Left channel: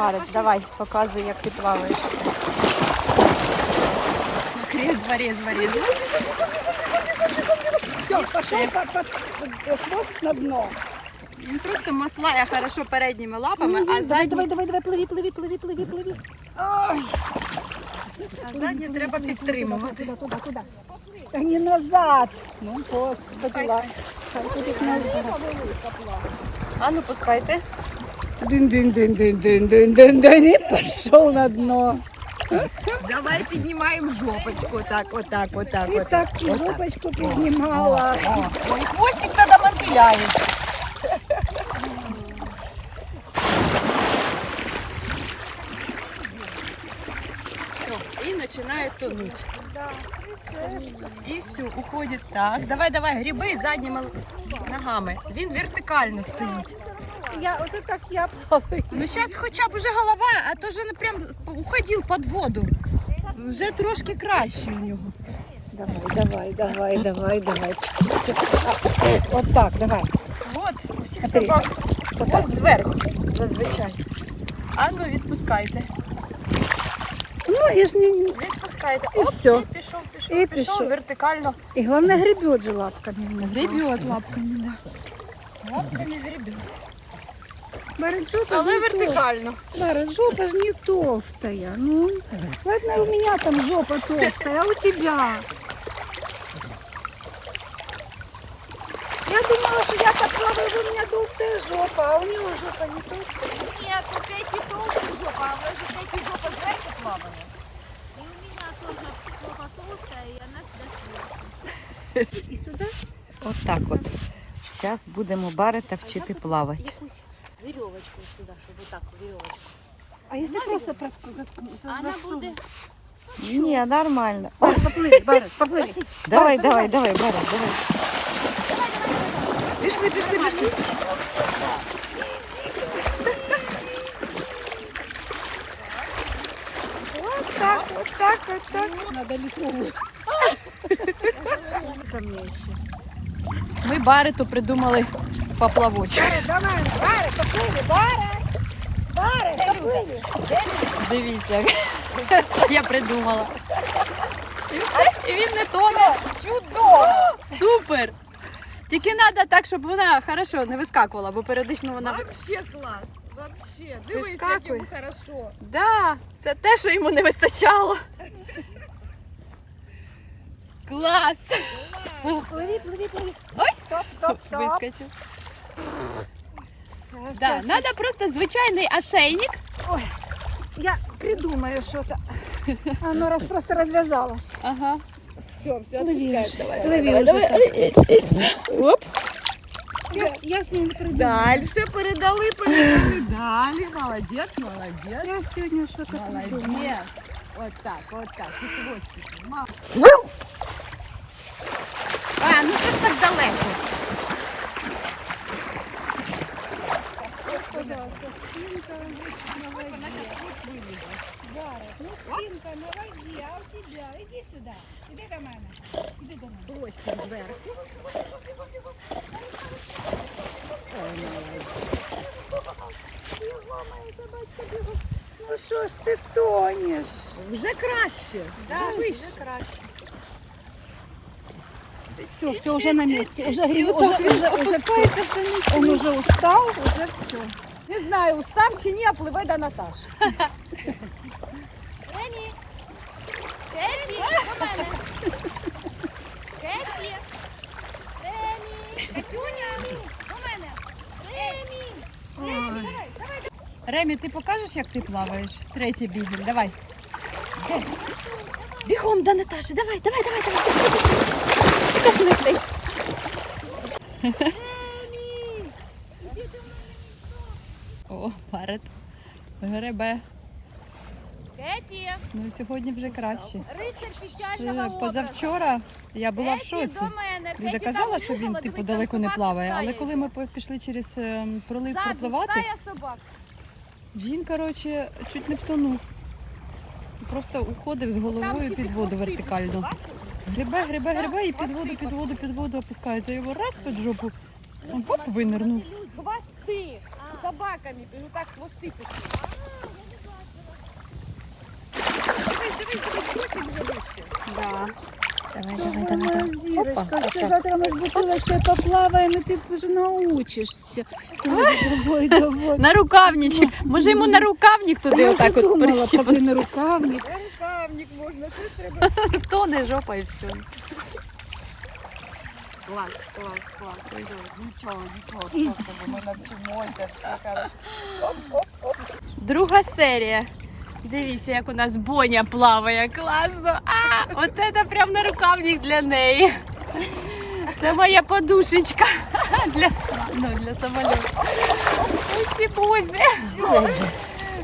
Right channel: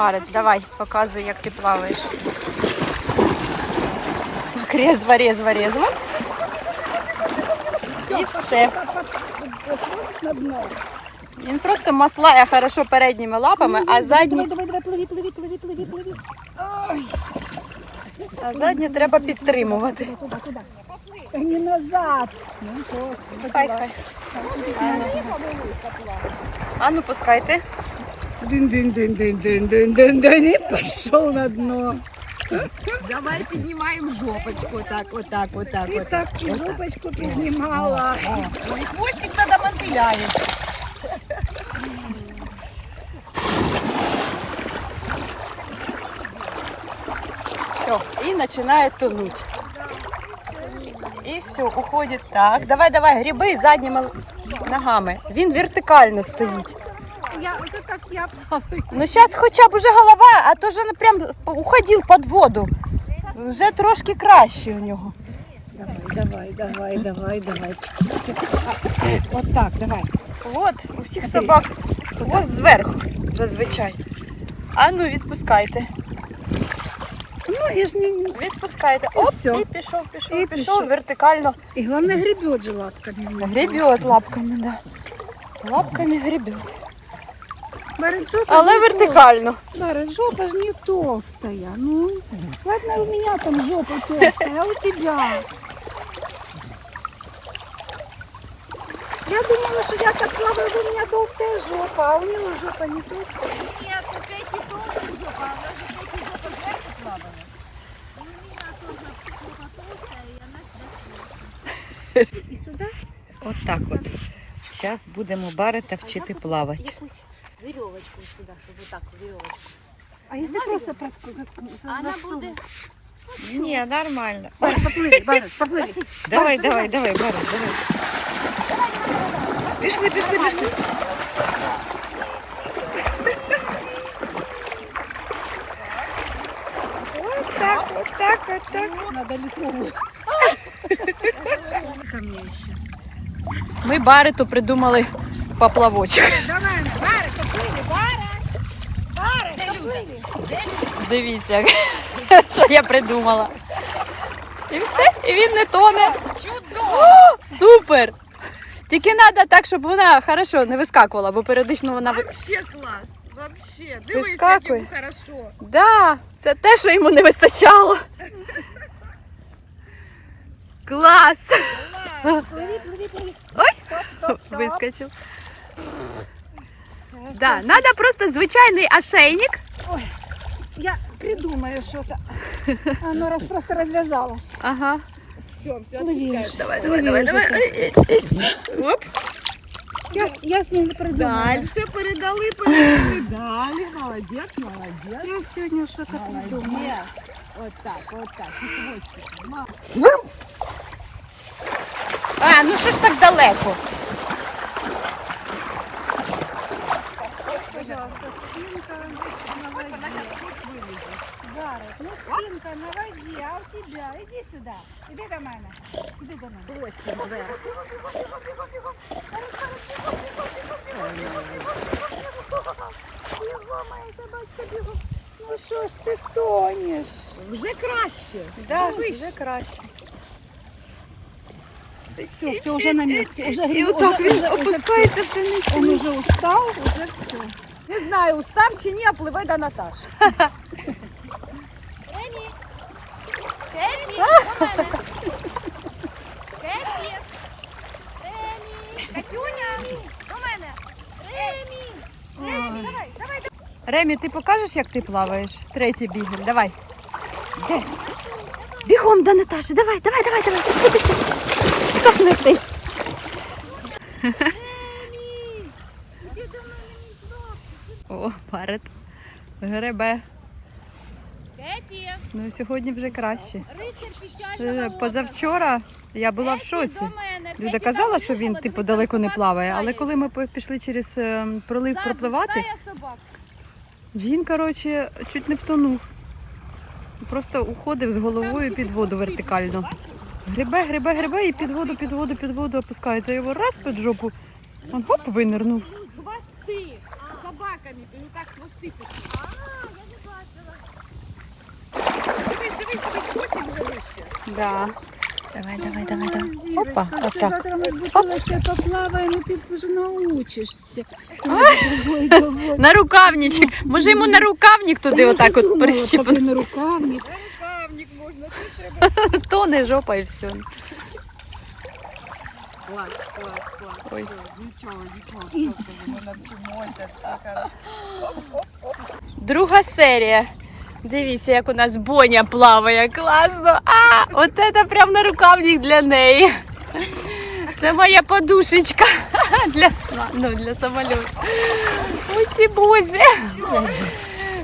Барет, давай, показуй, як ти плаваєш. Так, резво, резво, резво. І все. На дно. Він просто маслає хорошо передніми лапами, а задні, давай, давай, пливи, пливи, пливи, пливи, пливи. Ой, а задні треба підтримувати. Куда? Та не назад. Ну, господи. Хай, хай. Хай. А ну пускайте. Дин-дин-дин-дин-дин-дин-дин. И пошел на дно. Давай піднімаємо жопочку. Так, отак, отак, И отак. так и жопочку поднимала. Ой, хвостик тоді мотиляє. Все, и начинает тонуть. І все, уходить так. Давай, давай, гриби задніми ногами. Він вертикально стоїть. Я, это так я плаваю. Ну зараз хоча б уже голова, а то він прям уходив під воду. Вже трошки краще у нього. Давай, давай, давай, давай, давай. Вот так, давай. От, у всіх Смотри. собак хвост зверху, зазвичай. А ну відпускайте. Ну, я ж не... Відпускайте. І Оп, всьо. і пішов, пішов, І пішов, пішов. вертикально. И главное гребет же лапками. Гребет лапками, да. Лапками гребет. Але вертикально. Говорит, жопа же не толстая. Ну, ладно, у меня там жопа толстая, а у тебя? Я думала, что я так плаваю, у меня толстая жопа, а у него жопа не толстая. Ні, тут эти толстая жопа, а у нас эти жопа зверху плаває. И у меня тоже жопа толстая, и она сюда И сюда? От так от. Зараз будемо барита вчити плавати. Якусь веревочку сюда, чтобы вот так веревочку. А если просто протку- заткну- за- Она засуну? будет Ні, нормально. Барт, поплыли, Барт, поплыли. Давай, давай, давай, барит, давай. Пішли, пішли, пішли. Вот так, вот так, вот так. Надо литровую. Ко мне еще. Ми бариту придумали поплавочок. Давай, Дивіться, що я придумала. І все, і він не тоне. Чудово! Супер! Тільки треба так, щоб вона хорошо не вискакувала, бо періодично вона ви- Вообще клас. Вообще. Дивись, Вискакує. як йому хорошо. Да, це те, що йому не вистачало. Клас! Плыви, плыви, плыви. Ой. Стоп, стоп, стоп. Вискочив. Хорошо, Да, всё. треба просто звичайний ошейник. Я придумаю что-то. Оно раз просто развязалось. Ага. Плыви уже. Давай, давай, давай, давай. Оп. Я, я с ним не придумаю. Дальше передали, передали. Далі. Молодець, молодець. Я сегодня что-то придумаю. Молодець. От так, от так. Ма- А, ну що ж так далеко? Пожалуйста, спинка на воде. Барет, ну спинка на воде, а у тебя? Иди сюда. Иди до мене. Иди до мене. Ну що ж ти тонеш? Вже краще. Да, вже краще. Все, все, уже на месте. Уже, І гриб- отак уже, він уже, уже все. опускається сильніше. Он уже устал, уже все. Не знаю, устав чи ні, а пливе до Наташі. Эми! Ремі, ти покажеш, як ти плаваєш? Третій бігель, давай. Де? Бігом до Наташі, давай, давай, давай, давай. Пішли, пішли. О, парет. Гребе. Кеті! Ну сьогодні вже краще. Е, Позавчора я була в шоці. Люда казала, що він типу далеко не плаває, але коли ми по- пішли через е, пролив пропливати, собак. Він, коротше, чуть не втонув. Просто уходив з головою під воду вертикально. Грибе, грибе, грибе і під воду, під воду, під воду опускається. Його раз під жопу, он хоп, винирнув. Хвости собаками, і так хвости такі. Да. Давай, давай, давай, давай. Опа, Опа, Опа, отак. завтра мы с бутылочкой поплаваем, и ты уже научишься. Давай, давай. На рукавничок. Може йому на рукавник туди отак от прищипнути. Поки на рукавник. Рукавник можно. Тоне жопа і все. Класс, класс, класс. Ой. Ничего, ничего. Мы над чумой, как так, Друга серія. Дивіться, як у нас Боня плаває. Класно. А, от це прям на рукавник для неї. Це моя подушечка для сна, ну, для самольоту. Ой, ці бузі.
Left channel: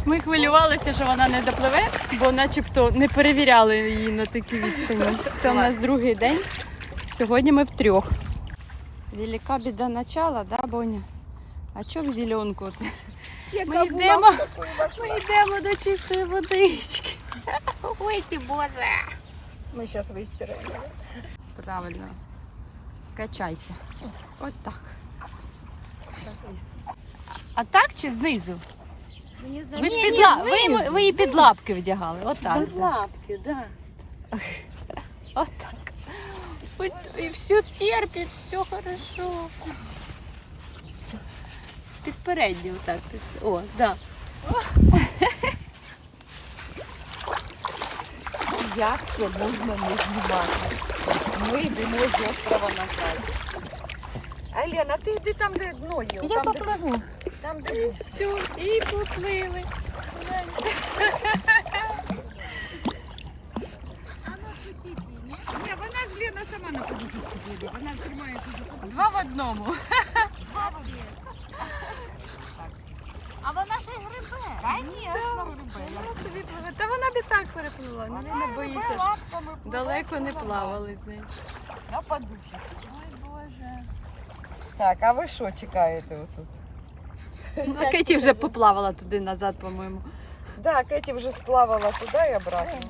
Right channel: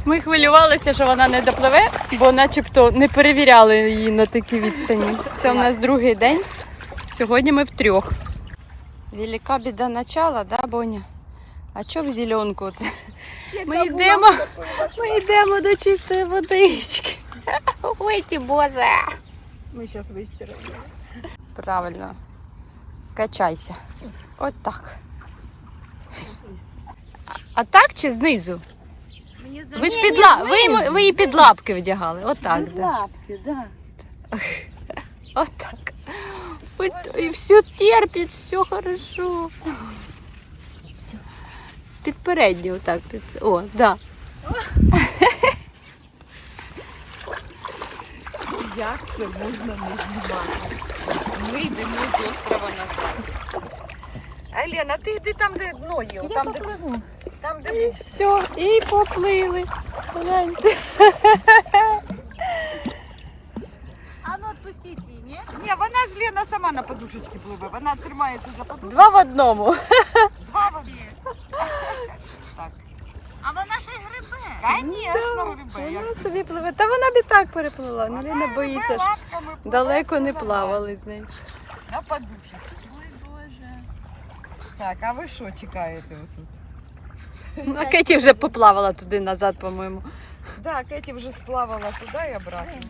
Ми хвилювалися, що вона не допливе, бо начебто не перевіряли її на такій відстані. Це у нас другий день. Сьогодні ми втрьох. Велика біда начала, да, Боня? А що в зеленку? Це? Ми йдемо, ми йдемо до чистої водички. Ой, ти боже. Мы сейчас выстираем. Правильно. Качайся. От так. А- так чи знизу? Ви ж під ла... ви, ви її під лапки вдягали. Отак, да. лапки, да. Отак. Ой, І все терпить, все хорошо. Все. Під передню отак. Під... О, да. Як це можна не знімати? Ми йдемо з острова на край. Алена, ти йди там, де ноги. Я там, де, там, де був. Все, і поплили. Гляньте. А ну відпустіть її, ні? Ні, вона ж Лена сама на подушечку пливе. Вона тримається за подушку. Два в одному. Два води. Так. А вона ще й грибе. Звісно, грибе. Вона собі пливе. Та вона б і так переплила. Ну, Ліна боїться, що далеко не плавали з нею. На подушечку. Так, а ви що чекаєте тут? Ну, а Кеті вже поплавала туди назад, по-моєму. Да, Кеті вже сплавала туди і обратно.